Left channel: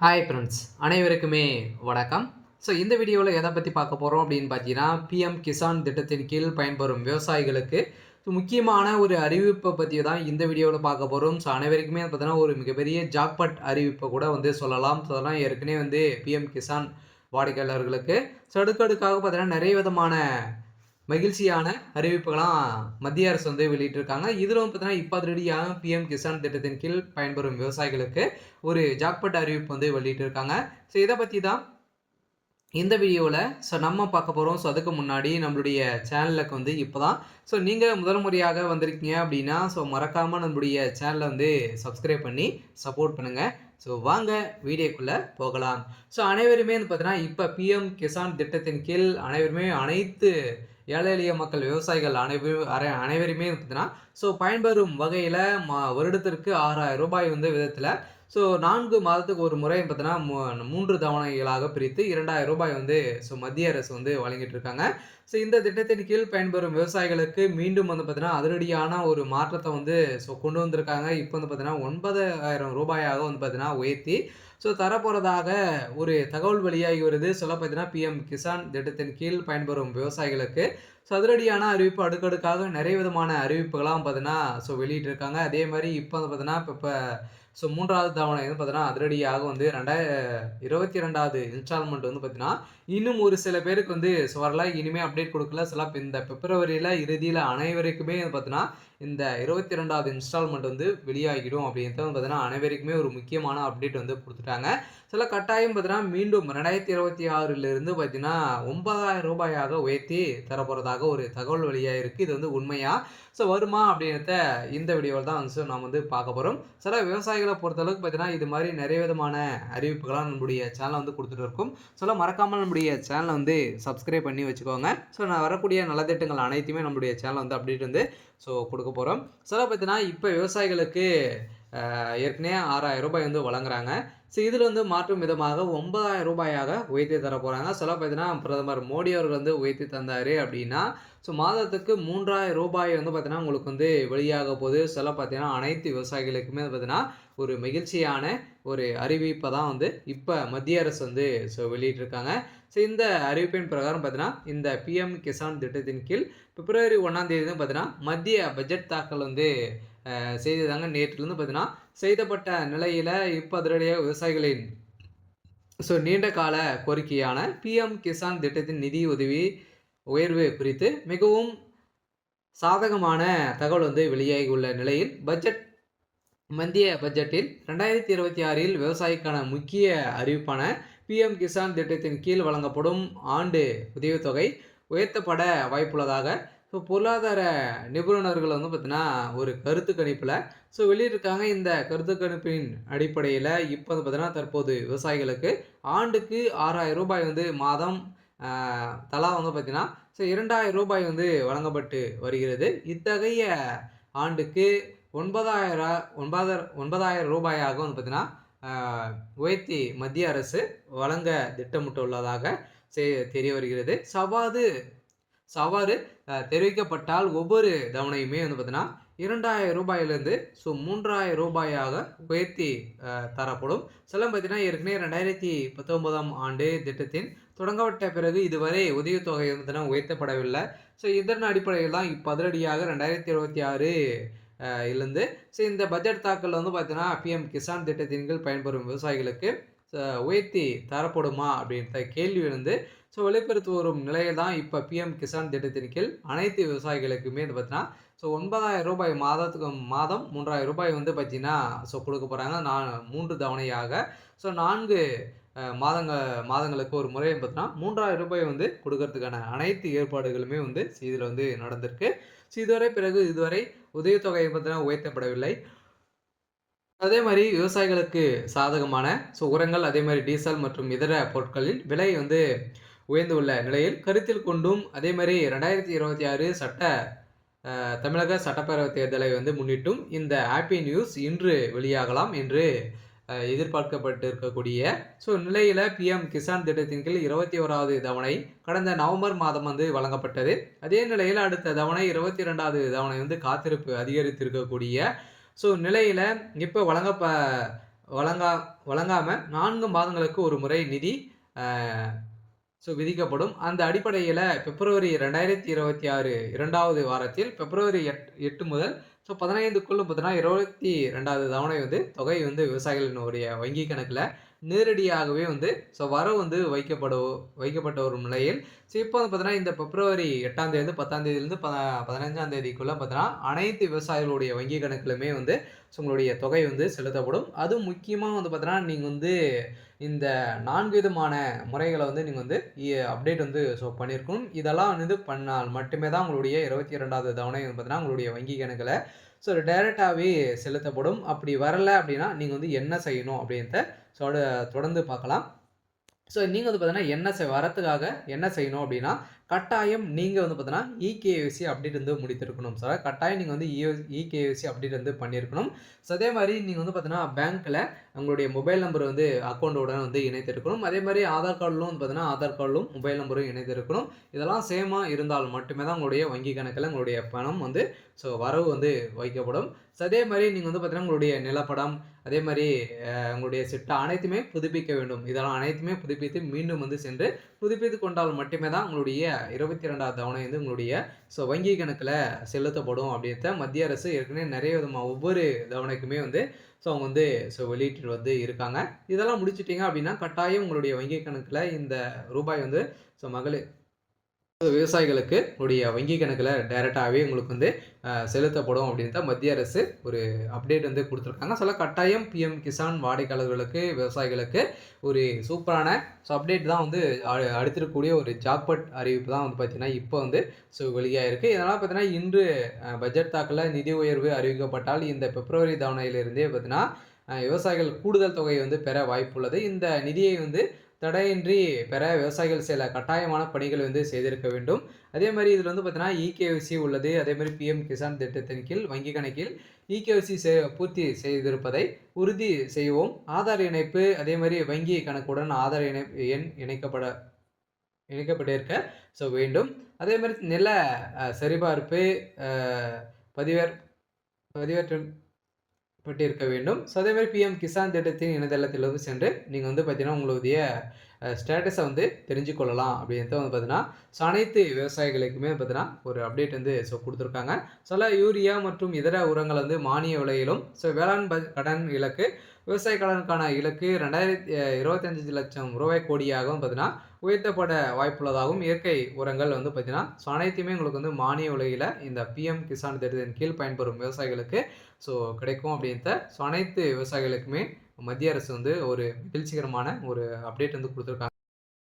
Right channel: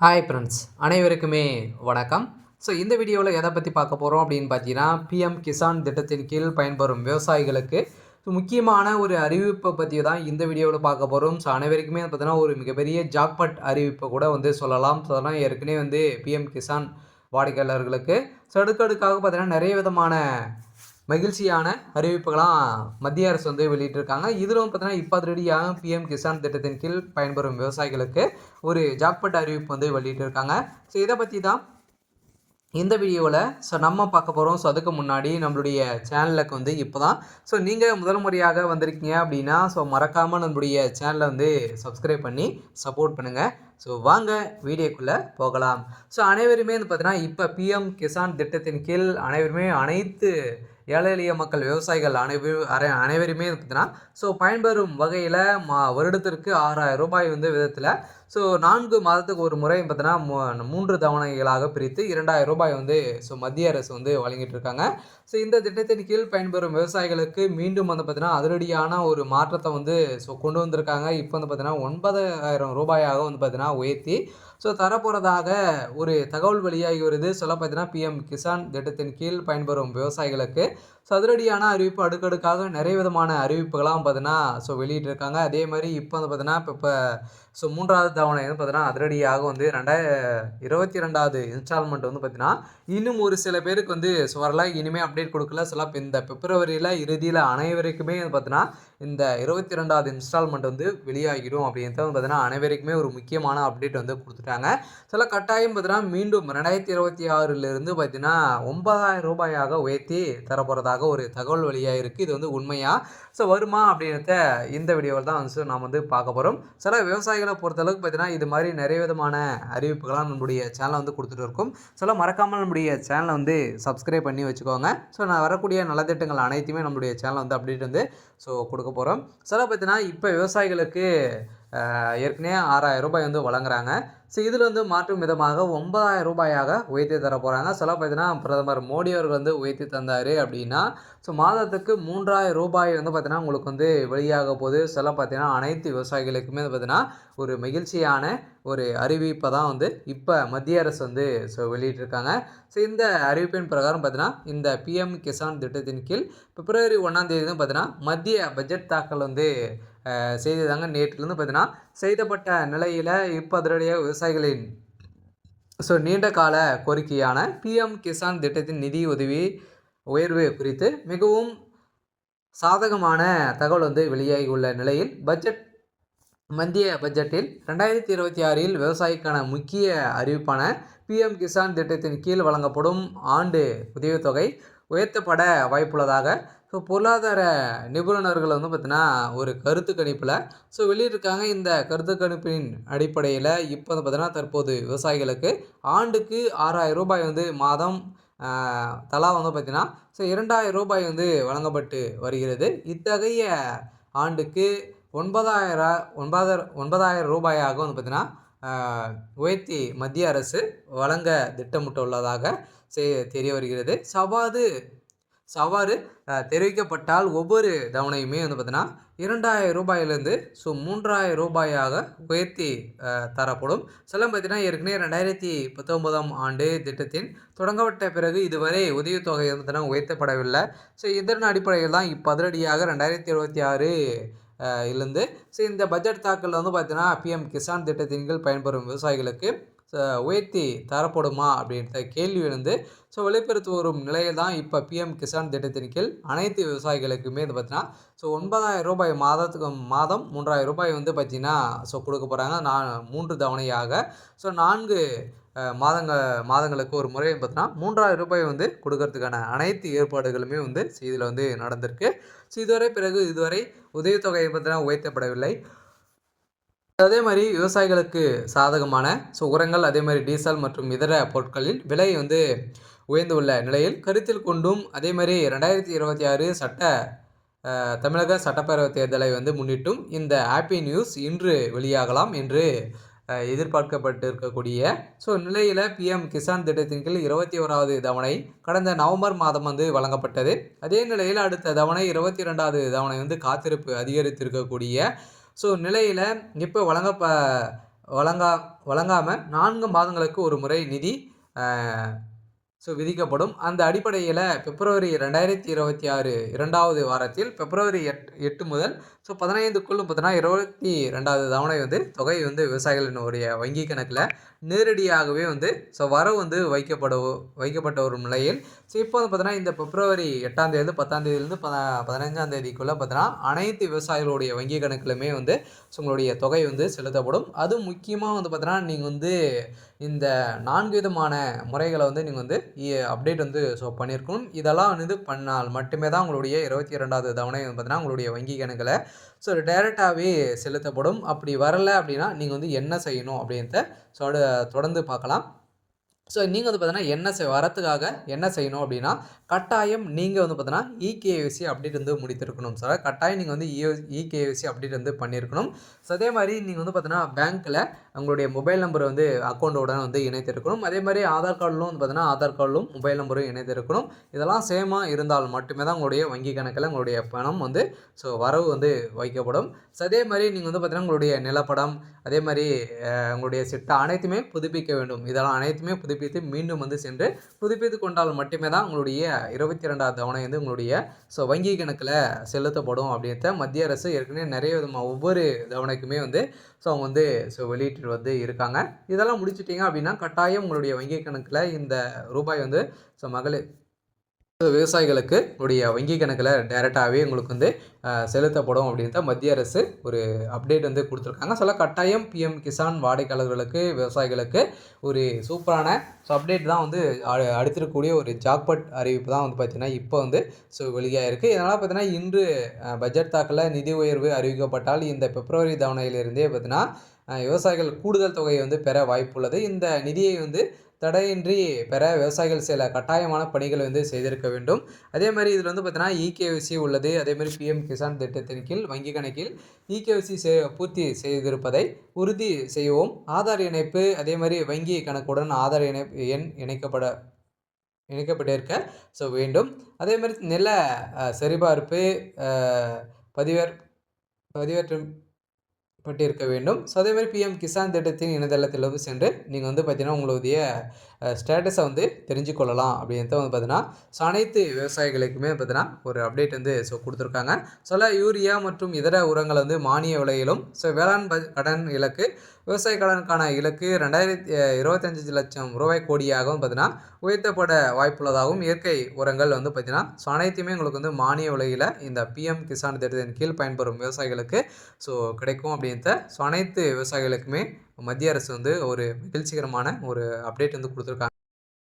Hi friends, அனைவருக்குமே வணக்கம். இந்த வீடியோவில் எதை பற்றி பார்க்க போகிறோம் அப்படின்னு பார்த்தீங்கன்னா, பிஎம் கிசான் திட்டத்தின் கீழ் பயன்பெறும் விவசாயிகளுக்கு முக்கியமான ஒரு அறிவிப்பை பற்றி தான் இந்த வீடியோவில் பார்க்க போகிறோம். அனைவருக்குமே பார்த்தீங்கன்னா ஒரு மிகப்பெரிய ஜாக்பாட் அறிவிப்பை கூட சொல்லலாம். அதெல்லாம் ஏற்கனவே பிஎம் கிசான் வாடிக்கையாளர்களுக்கு அடுக்கடுக்காக பார்த்தீங்கன்னா நிறைய விதமான மகிழ்ச்சியான அறிவிப்புகளாம் மத்திய அரசு வெளியிட்டிருக்காங்க. இதிலும் பார்த்தீங்கன்னா இப்போ அதிரடியாக பிஎம் கிசான் திட்டத்தின் கீழ் பயன்பெறும் விவசாயிகளுக்கு ஒரு ஜாக்பாட் அறிவிப்பு வெளியிட்டிருக்காங்க. இதை பற்றி தான் இந்த வீடியோவில் நம்ம பார்க்க போகிறோம். அதுக்கு முன்னாடி நம்மளுடைய சேனலுக்கு இப்போ தான் நீங்கள் முதல் முறையாக வந்திருக்கீங்க அப்படின்னா மறக்காமல் நம்மளுடைய சேனலை சப்ஸ்கிரைப் பண்ணி சப்போர்ட் பண்ணுங்கள். வாங்க வீடியோக்குள்ளே போகலாம். அனைவருமே பார்த்தீங்கன்னா இப்போ பிஎம் கிசான் திட்டத்தின் கீழ் அனைவருமே அனைத்து ஏழை எளிய மக்கள் விவசாயிகள் அனைவருமே பார்த்தீங்கன்னா பயன்பெறும் வகையில் வருடத்திற்கு 6000 ரூபாய் விதத்தில் 4 மாதத்துக்கு ஒரு முறை பார்த்தீங்கன்னா 3 தவணைகளாக பிரித்து 2000 ரூபாய் மத்திய அரசு வழங்கிட்டு இருக்காங்க. இந்த திட்டத்தின் கீழ் பயன்பெறும் விவசாயிகளுக்கு மீண்டும் பார்த்தீங்கன்னா அதிரடியான ஒரு மாற்றத்தை கொண்டு வந்திருக்காங்க. இப்போ பார்த்தீங்கன்னா 9000 ரூபாயாக பார்த்தீங்கன்னா உயர்த்தி தரப்போகிறதாக ஒரு தகவல் வெளியாகி வருது. பார்த்தீங்கன்னா பிஎம் கிசான் திட்டத்தின் கீழ் பயன்பெறும் விவசாயிகளுக்கு அதிரடியான அறிவிப்பு அடுக்கடுக்காக நிறைய விதமான அறிவிப்புகளாம் பார்த்தீங்கன்னா வெளியிட்டிருக்காங்க. அதே மாதிரி இப்போ பார்த்தீங்கன்னா இப்போ 3வது தவணை பார்த்தீங்கன்னா அதிரடியாக 2022வது இன்ஸ்டால்மெண்ட் பார்த்தீங்கன்னா இன்னும் ஒரு சில பேருக்கு வரல. இனிமேல் அப்டேட் கொடுக்கல. இந்த பிப்ரவரியில் இறுதியில் அனைவருக்குமே பார்த்தீங்கன்னா இந்த 22வது இன்ஸ்டால்மெண்ட் வெளியாகிடும் அப்படின்றது பார்த்தீங்கன்னா அனைவருக்குமே ஒரு முக்கியமான அப்டேட் கொடுத்துட்டாங்க. கட்டாயம் பார்த்தீங்கன்னா மீண்டும் 2026லிருந்து பார்த்தீங்கன்னா 9000 ரூபாயாக உயர்த்தி தரப்போகிறதாக ஒரு தகவல் வெளியாக இருக்குது. இது உண்மையா வருமா அப்படின்றத இந்த வீடியோவில் தான் நாம் பார்க்க போகிறோம். விவசாயிகளை பொறுத்தளவுக்கு பார்த்தீங்கன்னா இது மாதிரி நிறைய விதமான அறிவிப்புகளாக நம்மளுடைய சேனலை கொடுத்துட்டு இருக்கும். மறக்காமல் நம்முடைய சேனலை சப்ஸ்கிரைப் பண்ணி வச்சுக்கோங்க. நான் வரக்கூடிய நலத்திட்டங்கள் அனைத்துமே நம்மளுடைய சேனல் அப்டேட் கொடுக்க போகிறோம். பார்த்தீங்கன்னா இப்போ விவசாயிகளுக்கு ஏற்கனவே 6000 ரூபாய் வழங்குறாங்க. இதில் மாற்றும் விதமாக 9000 ரூபாயாக உயர்த்தி தர போகிறாங்க. பார்த்தீங்கன்னா பிரதமர் மோடி அவர்கள் உயர்த்தி தந்தார் அப்படின்னா மாதத்துக்கு 3000 ரூபாய் பார்த்தீங்கன்னா உங்களுக்கு வெளியாக போகுது. பார்த்தீங்கன்னா அனைத்து விவசாயிகளுக்குமே பார்த்தீங்கன்னா ஒரு மகிழ்ச்சியான ஒரு அறிவிப்பை தான் இப்போ மத்திய அரசு வெளியிட்டிருக்காங்க. இந்த அறிவிப்பின் பிரகாரம் பார்த்தீங்கன்னா இந்த பிஎம் கிசான் திட்டத்தின் கீழ் பிப்ரவரி 1ஆம் தேதி பார்த்தீங்கன்னா மத்திய பட்ஜெட் தாக்கல் செய்ததாங்க. நேற்றிலிருந்து பார்த்தீங்கன்னா செய்தப்பட்ட நிலையில் இப்போ அதிரடியாக விவசாயிகளின் நீண்ட கால கோரிக்கையான பிஎம் கிசான் திட்டத்தின் நிதி உதவி உயர்வு குறித்து மிகவும் சாதகமான தகவல் வெளியாகி உள்ள நிலையில் மத்திய பட்ஜெட்டில் 2026இல் விவசாயிக்கான முக்கிய அறிவிப்பான பிஎம் கிசான் திட்டத்தின் கீழ் வழங்கப்படும் ஆண்டு உதவித்தொகை உயர்த்தப்பட வாய்ப்புள்ளதாக பொருளாதார நிபுணர்கள் பார்த்தீங்கன்னா ஒரு கருத்து கணிப்பில் வெளியிட்டிருக்காங்க. இந்த கருத்து கணிப்பின் அடிப்படையில் இப்போ பார்த்தீங்கன்னா தற்போது விவசாயிகளுக்கு ஆண்டுக்கு 6000 ரூபாய் மாதம் தலா பார்த்தீங்கன்னா 2000 ரூபாய் வழங்கப்பட்டு வருகிறது. இத்தகைய ஆண்டுக்கு 9000 ரூபாயாக பார்த்தீங்கன்னா உயர்த்தி மத்திய அரசு வழங்க திட்டமிட்டுள்ளதாக தெரிய வருகிறது. சவாறு தெரிவிக்கப்பட்டால் ஒவ்வொரு தவணையுமே பார்த்தீங்கன்னா 2000 ரூபாயிலிருந்து 3000 ரூபாயாக உயர்த்தி தரப்படும். பார்த்தீங்கன்னா ஏற்கனவே 2019ஆம் ஆண்டு திட்டத்தின் தொடங்கப்பட்ட பிறகு இதுவரை உதவித்தொகை பார்த்தீங்கன்னா உயர்த்தப்படவில்லை. இதன் அடிப்படையில் தான் இப்போ அதிரடியாக 2026 இருந்து இந்த பட்ஜெட் தாக்கல் பார்த்தீங்கன்னா பிஎம் கிசான் திட்டத்தின் கீழ் பயன்பெறும் விவசாயிகளுக்கு உயர்த்தி தரப்படுமா அப்படின்ற கேள்வி வெளிப்படுத்தி வரும் நிலையில் தான் இப்போ பிஎம் கிசான் திட்டத்தின் கீழ் அனைத்து விவசாயிகளுக்குமே பார்த்தீங்கன்னா 9000 ரூபாய் மாதம் 3000 ரூபாய் பார்த்தீங்கன்னா கொடுக்க போகிறாங்க. 3 தவணையாக 4 மாதங்களுக்கு ஒரு முறை பார்த்தீங்கன்னா 3000 ரூபாய் கொடுக்கறதுக்கான அனைத்து ஏற்பாடுகளுமே இதில் நடந்திருக்கு. இதுவரை உதவித்தொகை பார்த்தீங்கன்னா உயர்த்தப்படவில்லை. அதே மாதிரி விவசாயிகளுக்கு சாதகமான உரங்கள், அதே மாதிரி டீசல் மற்றும் இதர பொருட்களின் விலை உயர்ந்துள்ள நிலையில் கருத்தில் கொண்டும் அதே மாதிரி 2026 தமிழக சட்டப்பேரவை தேர்தலை முன்னிட்டும் இந்த ஹாப்பி நியூஸ் இன்று வெளியாகலாம் என்று எதிர்பார்க்கப்பட்டு இருக்கக்கூடிய நிலையில் பிஎம் கிசான் திட்டத்தின் கீழ் 21வது தவணை கடந்த நவம்பர் மாதம் வழங்கப்பட்டது. அதே நிலையில் அடுத்த தவணை 22வது தவணை காத்திருப்பு அதிகரித்திருக்கக்கூடிய நிலையில் இப்போ வழங்கா வழங்காமல் 4 மாதங்களுக்கு ஒரு முறை நிதி விதிக்கப்படும். அந்த அடிப்படையில் பிப்ரவரி 2026 2வது வாரத்தில் பிப்ரவரி 8 முதல் 15க்குள் பார்த்தீங்கன்னா 22வது தவணை தொகை விவசாயிகளினுடைய வங்கி கணக்கில் நேரடியாகவே வரவு வைக்கப்பட்ட ஒரு நிலையில் இப்போ பார்த்தீங்கன்னா இந்த பிப்ரவரி 8ஆம் தேதி 10ஆம் தேதியிலிருந்து 15ஆம் தேதிக்குள்ளே பார்த்தீங்கன்னா அனைத்து விவசாயிகளுடைய வங்கி கணக்கிலுமே உங்களுடைய தொகை செலுத்தப்படும். அதுவும் முக்கியமாக பார்த்தீங்கன்னா நீங்கள் இந்த 4 விதமான முறைகளை நீங்கள் அப்டேட் பண்ணியிருக்கணும். இதெல்லாம் பண்ணால் மட்டுமே தான் உங்களுடைய 22வது தவணை பார்த்தீங்கன்னா உங்களுடைய வங்கி கணக்கில் டைரெக்டாகவே செலுத்தப்படும். அப்படி வரலை அப்படின்னா நீங்கள் என்ன செய்யணும் அப்படின்றத தொடர்ந்து பார்க்கலாம். நீங்கள் பார்த்தீங்கன்னா வரத்துக்காக என்ன செய்யணும் அப்படின்னா, கட்டாயம் நீங்கள் பார்த்தீங்கன்னா இகேஒய்சி அப்டேட் முடித்திருக்கணும் சார். கட்டாயம் நீங்கள் இகேஒய்சி அப்டேட் பண்ணியிருக்கணும். அதே மாதிரி நீங்கள் பார்த்தீங்கன்னா பேங்க்கில் உங்களுடைய மொபைல் நம்பர் அக்கௌண்ட்டோட இணைத்திருக்கணும். அதே மாதிரி ஆதார் கார்டிலும் பார்த்தீங்கன்னா ஆதார் கார்டிலும் மொபைல் நம்பரும் இணைத்திருக்கணும். இதெல்லாம் சேமாக இருந்தால் மட்டுமே தான் உங்களுடைய வங்கி கணக்கில் உங்களுடைய பணம் வரவு வைக்கப்படும். அதே மாதிரி நீங்கள் பார்த்தீங்கன்னா உங்களுடைய நிலப்படம், அதே மாதிரி உங்களுடைய சிட்டா அனைத்துமே புதுப்பிக்க வேண்டும். இதெல்லாம் அனைத்துமே புதுப்பித்து மீண்டும் சென்று புதுப்பித்து கொண்டால் மட்டுமே தான் உங்களுடைய 22வது தவணை உங்களுடைய வங்கி கணக்கில் செலுத்தப்படும் அப்படின்ற மத்திய அரசு ஏற்கனவே நிறைய விதமாக ஒவ்வொரு தவணைக்குமே அவங்க வெளியிட்டு இருக்காங்க. இதெல்லாம் முடிச்சிட்டிங்க அப்படின்னா கட்டாயம் உங்களுடைய வங்கி கணக்கில் இந்த ரூபாய் மகளிர் விவசாயிகளுக்கு உங்களுடைய வங்கி கணக்கில் டைரெக்டாகவே உங்களுக்கு செலுத்தப்படும் அப்படின்ற மத்திய அரசு ஒரு அப்டேட் கொடுத்துருக்காங்க. கட்டாயம் பிஎம் கிசான் வாடிக்கையாளர்களுக்கு விவசாயிகளுக்கு ஒரு சூப்பரான அப்டேட் தான் அடுத்திருக்கக்கூடிய ஒரு ஜாக்பாட் அறிவிப்பு தான் பார்த்திங்கன்னா இப்போ வெளியாக இருக்குது. இதனால் பார்த்தீங்கன்னா இன்று பட்ஜெட் தாக்கலில் நிதி உயர்வு அறிவிக்கப்பட்டால் இந்த பிப்ரவரி தவணையிலிருந்தே பார்த்தீங்கன்னா விவசாயிகள் கூடுதல் தொகையை பெற வாய்ப்புள்ளது. இந்த நிதியை தடையின்றி பெற விவசாயிகள் சில கட்டாயமான பணிகளை செய்திருக்க வேண்டும். அதே மாதிரி இதில் பார்த்தீங்கன்னா இகேஒய்சி உள்ளது. அதே மாதிரி பிஎம் கிசான் திட்டத்தின் கீழ் வங்கி கணக்கில் இகேஒய்சி பூர்த்தி செய்திருப்பதை உறுதி செய்யவும், ஆதார் இணைப்பு அதே மாதிரி வங்கி கணக்குடன் ஆதார் எண் இணைக்கப்பட்டிருக்க வேண்டும். அதே மாதிரி நில சரிபார்ப்பு பதிவேற்றம் பட்டிருக்க வேண்டும். அதே மாதிரி பிஎம் கிசான் திட்டத்தின் இணையதளத்தில் சென்று நீங்கள் பார்த்தீங்கன்னா உங்களுடைய ஸ்டேட்டஸை தெரிஞ்சுக்கொள்ளலாம் அப்படின்ட்டு பார்த்தீங்கன்னா அனைத்து விவசாயிகளுக்குமே பார்த்தீங்கன்னா ஒரு அப்டேட் கொடுத்துருக்காங்க. யூரியா மற்றும் இதர உரங்கள் மானிய விலையிலும் வேளாண் கடன் இலக்கு விவசாய கடனுக்கான இலக்கு 25 லட்சம் ரூபாய் கோடியாகவும் பார்த்தீங்கன்னா உயர்த்தப்பட வாய்ப்புள்ளதாகவும், இயற்கை உரங்கள் பார்த்தீங்கன்னா அனைத்துமே உங்களுக்கு மானிய விலையில் இந்த பிஎம் கிசான் திட்டத்தின் கீழ் பயன்பெறும் விவசாயிகளுக்கு கிடைக்கும் அப்படின்ற அனைத்து விவசாயிகளுக்குமே மத்திய அரசு ஒரு மகிழ்ச்சிகரமான ஒரு அப்டேட் கொடுத்துருக்காங்க.